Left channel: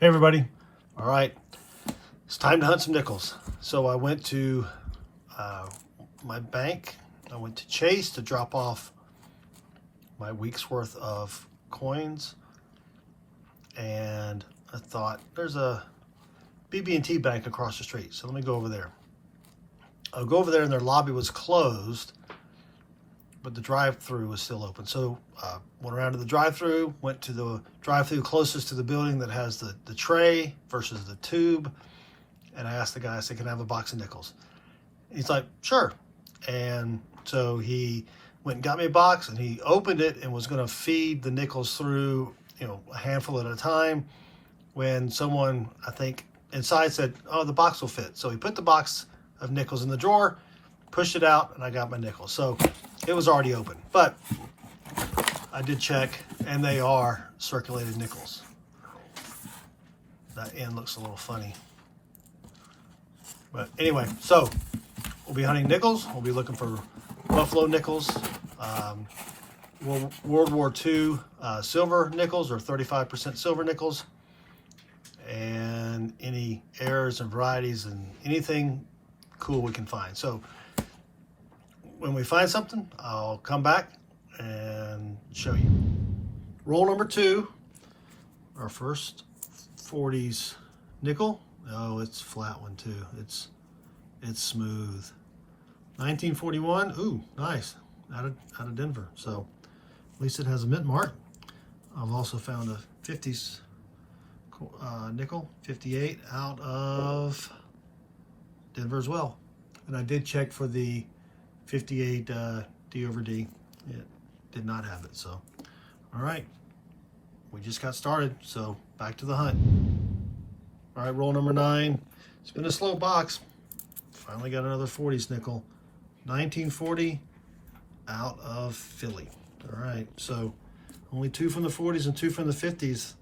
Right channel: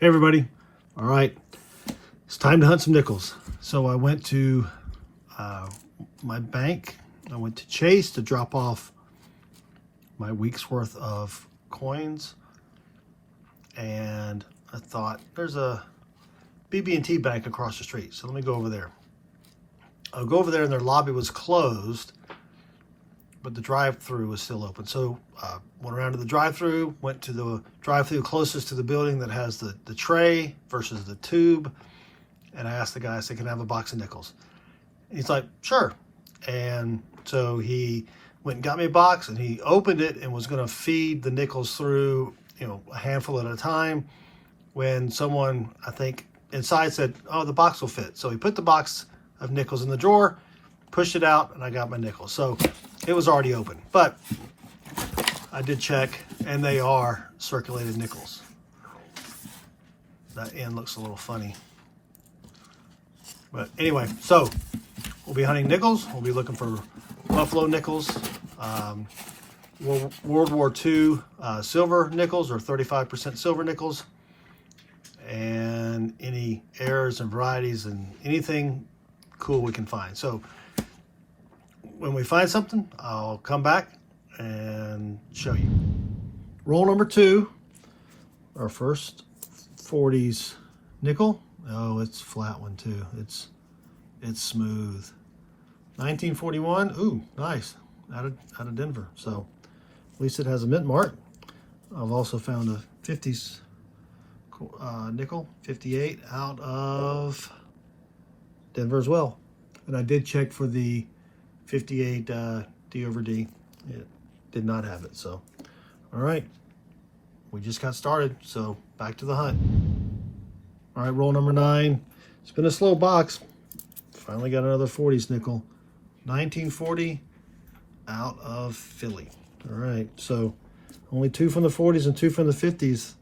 Hey everybody. All right, it's time to hunt some nickels. So I went to my bank. I went to Chase to drop off my week's worth of coins. And I thought there's a BB&T bank across the street. So let me go over there. I'll go over there and their lobby was closed, but the drive-through was still open. So went around to the drive-through, went to the drive-through closest to the building that has the tray versus the tube. And I asked the guy, I said, can I have a box of nickels? And he's like, sure. And so he went and got me a box and he opened it and was gonna feed the nickels through, a handful at a time, when someone, I think, inside said, oh, the box will fit. So he put the box of nickels in the drawer, pushed it out, and I got my nickels. So it was already open, but I did check, and they are circulated nickels. That end looks a little funny. But anyway, so we'll be hunting nickels. We'll be looking for buffalo nickels, World War II silver nickels, or 35% silver nickels, and any errors and varieties and anything cool we can find. So when we find something, I'll come back and show you. Roll number 2, our first 40s nickel. Oh, it's a flat one too. It's smooth. 1941. Ooh, nice. Out of Denver. So at least it has a mint mark. I've also found a 50s nickel, 58, out of Denver as well. And I did check for the 58 D over D. It did not have it. So, all right, we just got started. So back to the hunt. All right, roll number 9. It's been a slow box. Finally got another 40s nickel. 1940 out of Philly. All right, so only 2 from the 40s and 2 from the 50s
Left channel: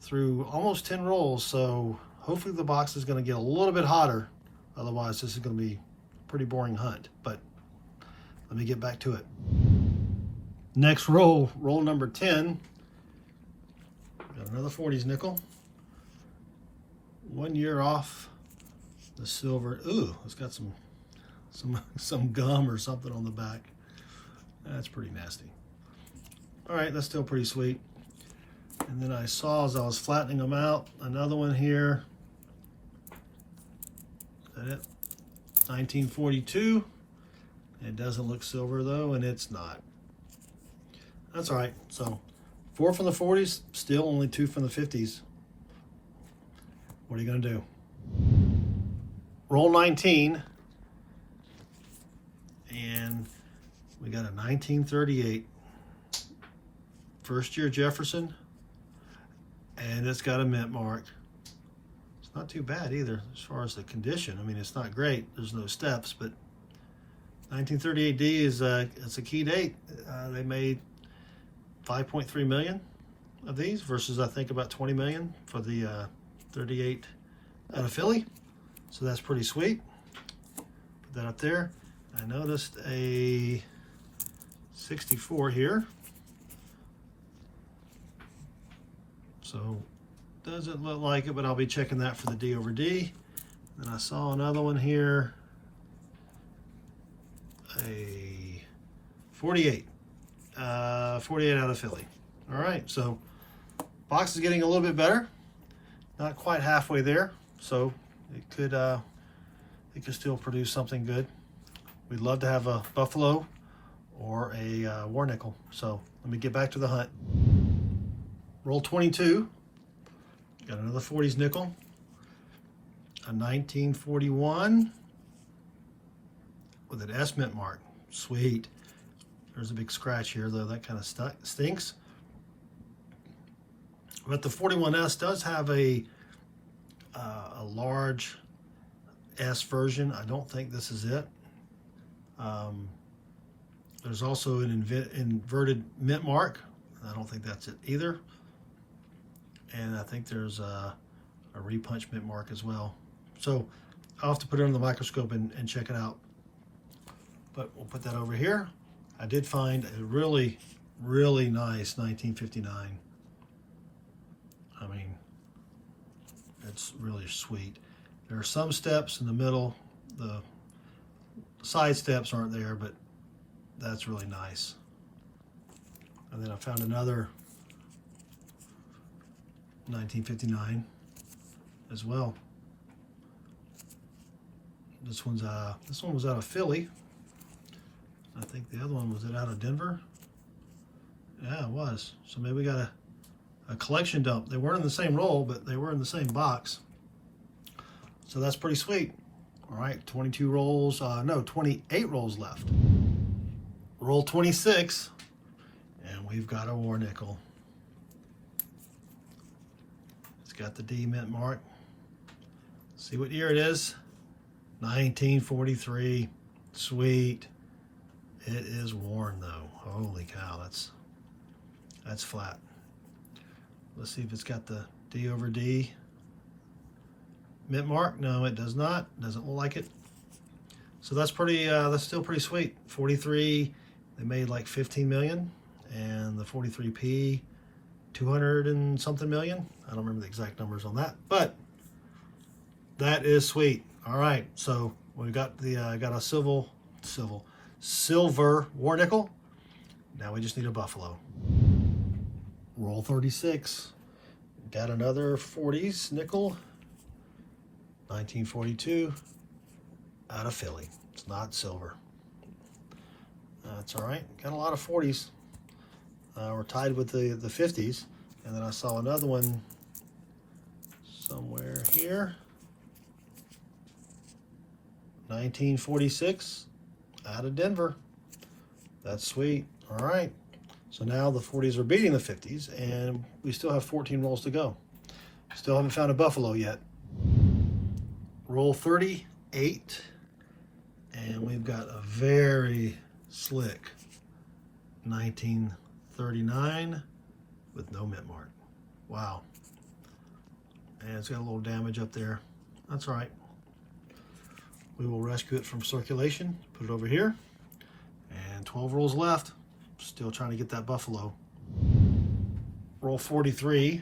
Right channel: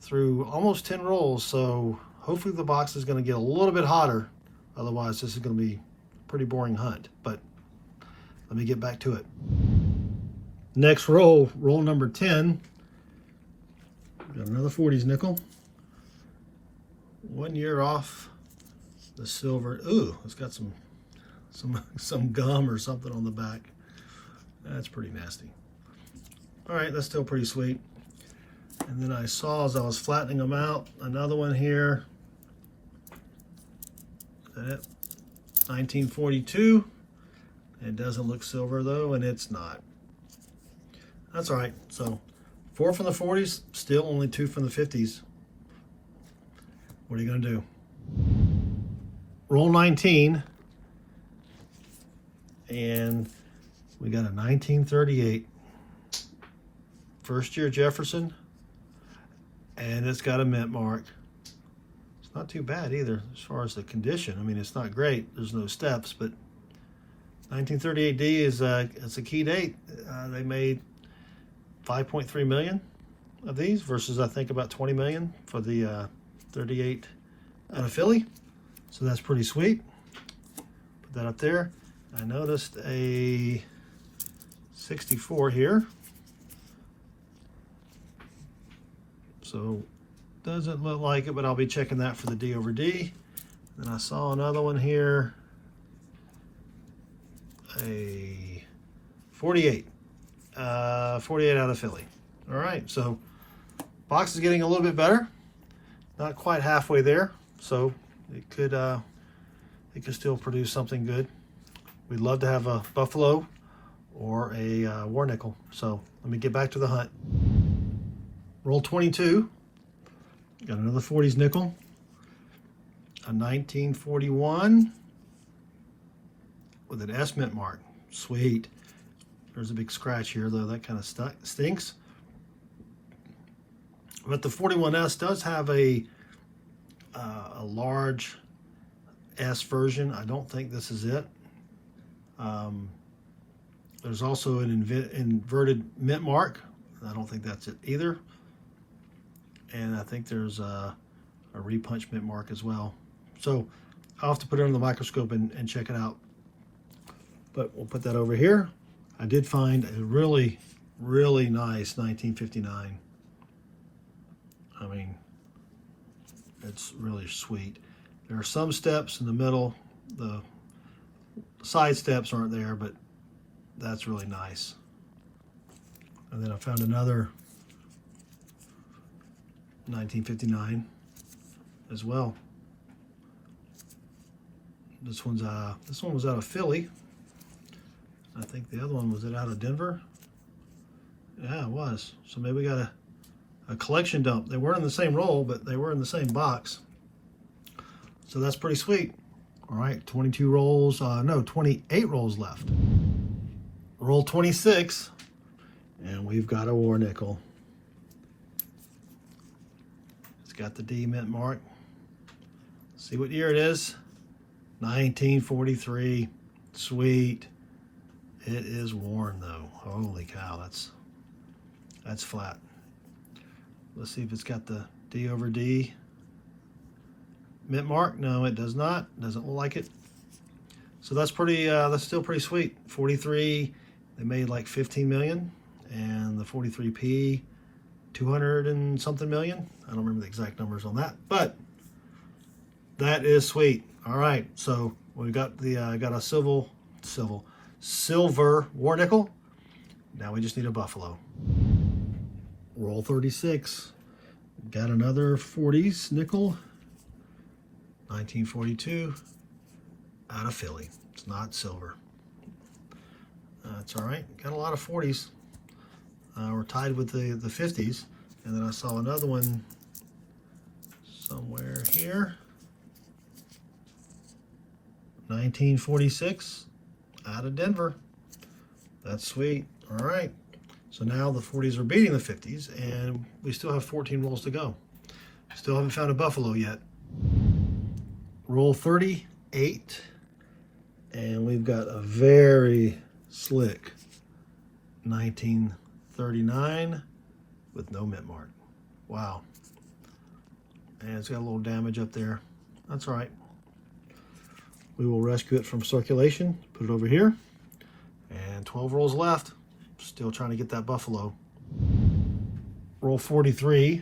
through almost 10 rolls. So hopefully the box is going to get a little bit hotter. Otherwise, this is going to be a pretty boring hunt. But let me get back to it. Next roll, roll number 10. Got another 40s nickel. 1 year off the silver. Ooh, it's got some gum or something on the back. That's pretty nasty. All right, that's still pretty sweet. And then I saw, as I was flattening them out, another one here. Is that it? 1942. It doesn't look silver though, and it's not. That's all right. So 4 from the 40s, still only 2 from the 50s. What are you gonna do? Roll 19, and we got a 1938 first year Jefferson, and it's got a mint mark. It's not too bad either as far as the condition. I mean, it's not great. There's no steps, but 1938D is it's a key date. They made 5.3 million of these versus I think about 20 million for the 38 out of Philly. So that's pretty sweet. Put that up there. I noticed a 64 here. So doesn't look like it, but I'll be checking that for the D over D. Then I saw another one here. A 48. 48 out of Philly. All right, so box is getting a little bit better. Not quite halfway there, so it could still produce something good. We'd love to have a buffalo or a war nickel. So let me get back to the hunt. Roll 22. Got another 40s nickel. A 1941 with an S mint mark. Sweet. There's a big scratch here though. That kind of stinks. But the 41S does have a large S version. I don't think this is it. There's also an inverted mint mark. I don't think that's it either. And I think there's a repunch mint mark as well. So I'll have to put it on the microscope and check it out. But we'll put that over here. I did find a really, really nice 1959. I mean, It's really sweet. There are some steps in the middle. The side steps aren't there, but that's really nice. And then I found another 1959 as well. This one was out of Philly. I think the other one was out of Denver. Yeah, it was. So maybe we got a collection dump. They weren't in the same roll, but they were in the same box. So that's pretty sweet. All right, 22 rolls, no, 28 rolls left. Roll 26, and we've got a war nickel. It's got the D mint mark. See what year it is? 1943. Sweet. It is worn though. Holy cow, that's flat. Let's see if it's got the D over D mint mark. No, it does not. Doesn't look like it. So that's pretty. That's still pretty sweet. 43. They made like 15 million, and the 43p, 200 and something million. I don't remember the exact numbers on that, but that is sweet. All right, so we got the got a silver war nickel. Now we just need a buffalo. Roll 36. Got another 40s nickel. 1942 out of Philly. It's not silver. That's all right. Got a lot of 40s. We're tied with the 50s. And then I saw another one somewhere here. 1946 out of Denver. That's sweet. All right. So now the 40s are beating the 50s, and we still have 14 rolls to go. Still haven't found a buffalo yet. Roll 38, and we've got a very slick 1939 with no mint mark. Wow. And it's got a little damage up there. That's all right. We will rescue it from circulation, put it over here, and 12 rolls left. Still trying to get that buffalo. Roll 43,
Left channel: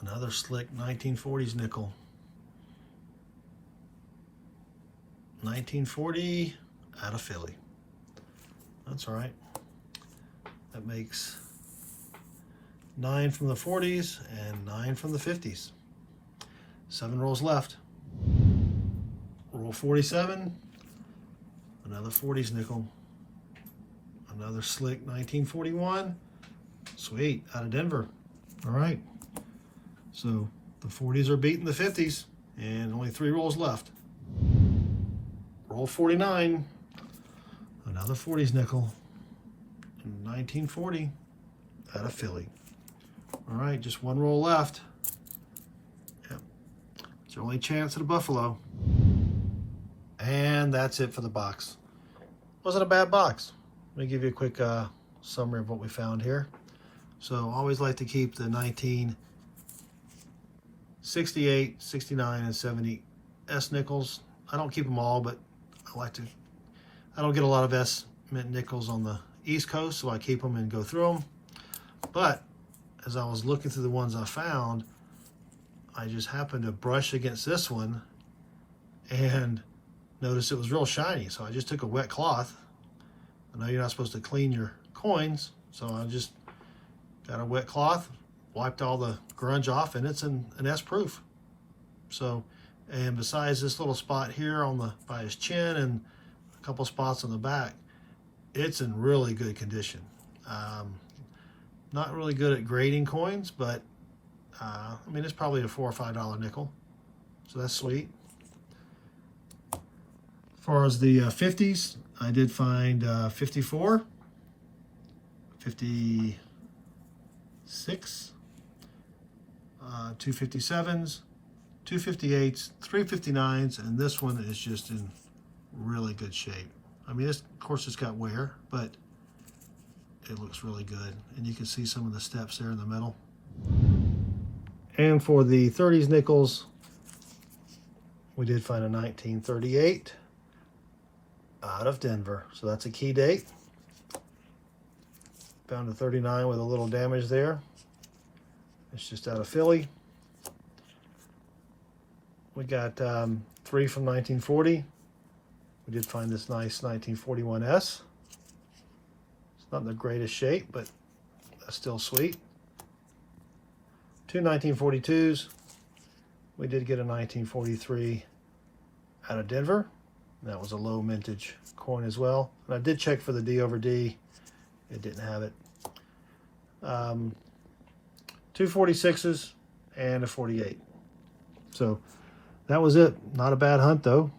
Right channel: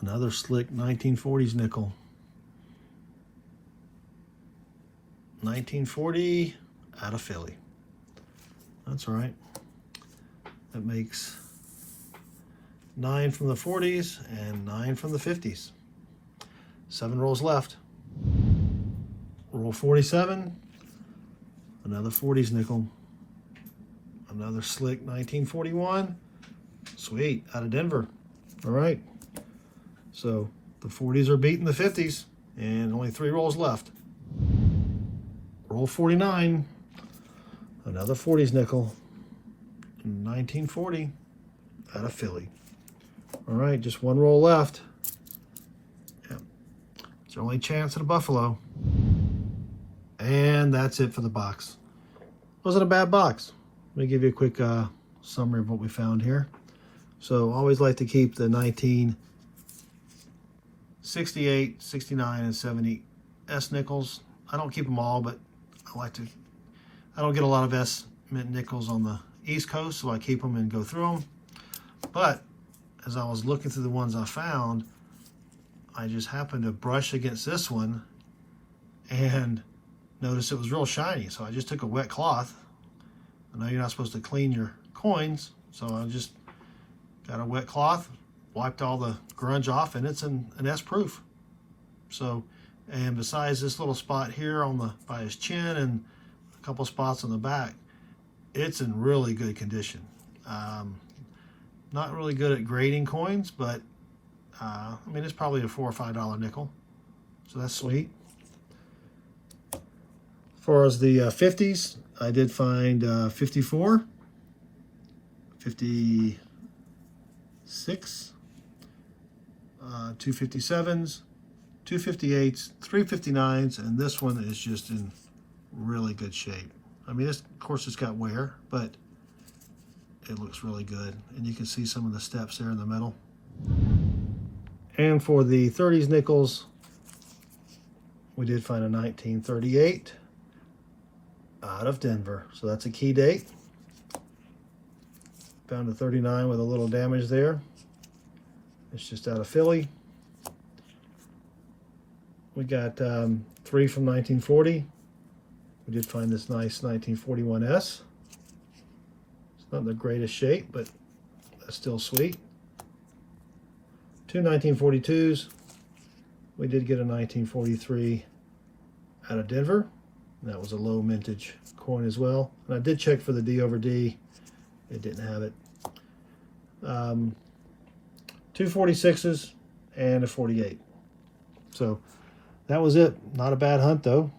another slick 1940s nickel. 1940 out of Philly. That's all right. That makes 9 from the 40s and 9 from the 50s. 7 rolls left. Roll 47, another 40s nickel. Another slick 1941. Sweet, out of Denver. All right. So the 40s are beating the 50s, and only 3 rolls left. Roll 49. Another 40s nickel. 1940 out of Philly. All right, just 1 roll left. Yep. It's your only chance at a buffalo. And that's it for the box. Wasn't a bad box. Let me give you a quick summary of what we found here. So always like to keep the 1968, 69, and 70 S nickels. I don't keep them all, but I don't get a lot of S mint nickels on the East Coast, so I keep them and go through them. But as I was looking through the ones I found, I just happened to brush against this one and noticed it was real shiny. So I just took a wet cloth. I know you're not supposed to clean your coins, so I just got a wet cloth, wiped all the grunge off, and it's an S proof. So, and besides this little spot here by his chin and a couple spots on the back, it's in really good condition. Not really good at grading coins, but I mean, it's probably a $4 or $5 nickel. So that's sweet. As far as the 50s, I did find 54, 56, 257s, 258s, 359s, and this one is just in really good shape. I mean, of course it's got wear, but it looks really good. And you can see some of the steps there in the middle. And for the 30s nickels, we did find a 1938 out of Denver. So that's a key date. Found a 39 with a little damage there. It's just out of Philly. We got 3 from 1940. We did find this nice 1941S. It's not in the greatest shape, but that's still sweet. 2 1942s. We did get a 1943 out of Denver. And that was a low mintage coin as well. And I did check for the D over D. It didn't have it. 2 46s and a 48. So that was it. Not a bad hunt though.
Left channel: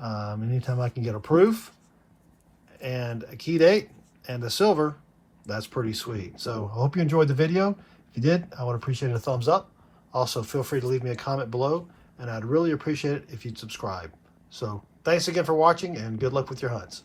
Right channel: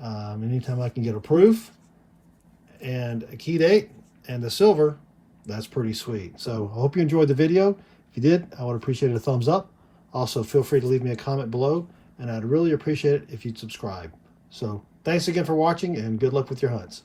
Anytime I can get a proof and a key date and a silver, that's pretty sweet. So I hope you enjoyed the video. If you did, I would appreciate a thumbs up. Also, feel free to leave me a comment below, and I'd really appreciate it if you'd subscribe. So thanks again for watching, and good luck with your hunts.